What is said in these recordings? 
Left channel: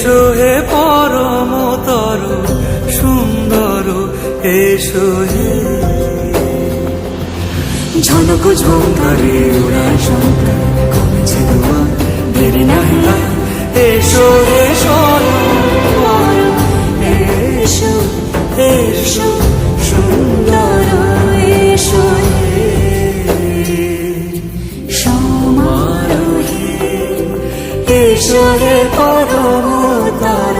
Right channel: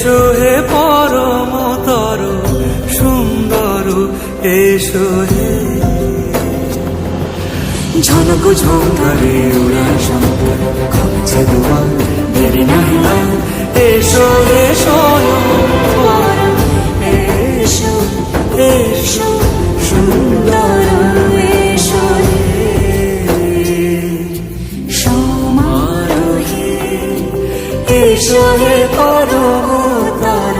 এসো হে পরমতর সুন্দর, এসো হে। ঝনক ঝঙ্কারে উড়ায় শঙ্কার, কমেছে দুয়ার, দেরি নাহি আর। এসো হে স্বয়ং পরম, এসো এসো সুন্দর, এসো হে সমারোহে। এসো হে পরমতর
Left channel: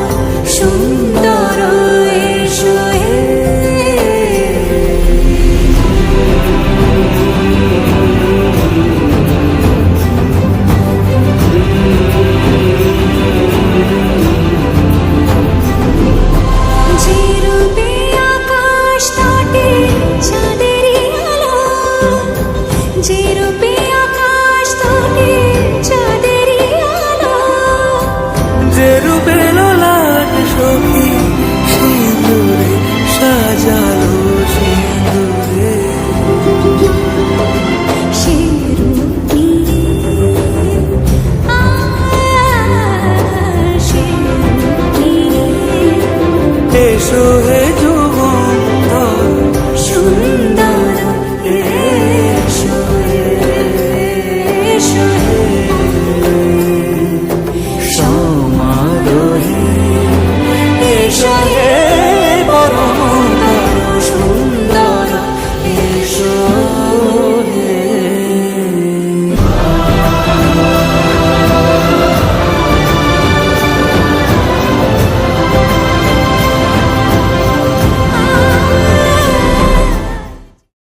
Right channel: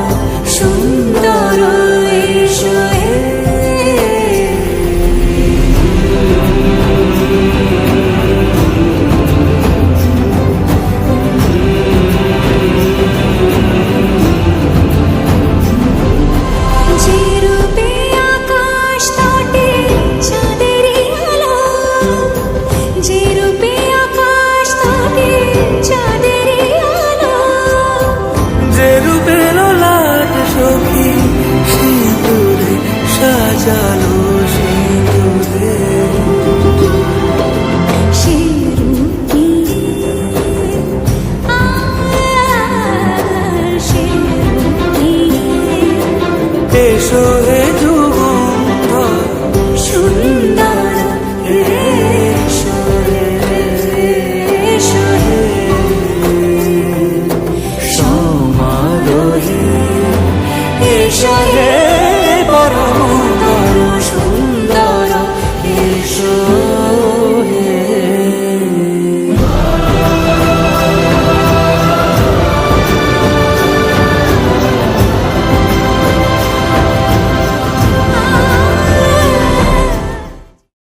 সুন্দর, এসো হে। যে রূপে আকাশ তটে চাঁদেরই আলো, যে রূপে আকাশ তটে চাঁদেরই আলো, যে রূপে ললাট সখী সিঁদুরে সাজালো সিঁদুরে। সে রূপ নিয়ে, সে রূপ নিয়ে। এসো হে যুগন্ধর সুন্দর, এসো এসো হে সমারোহে। এসো হে পরমতর সুন্দর, এসো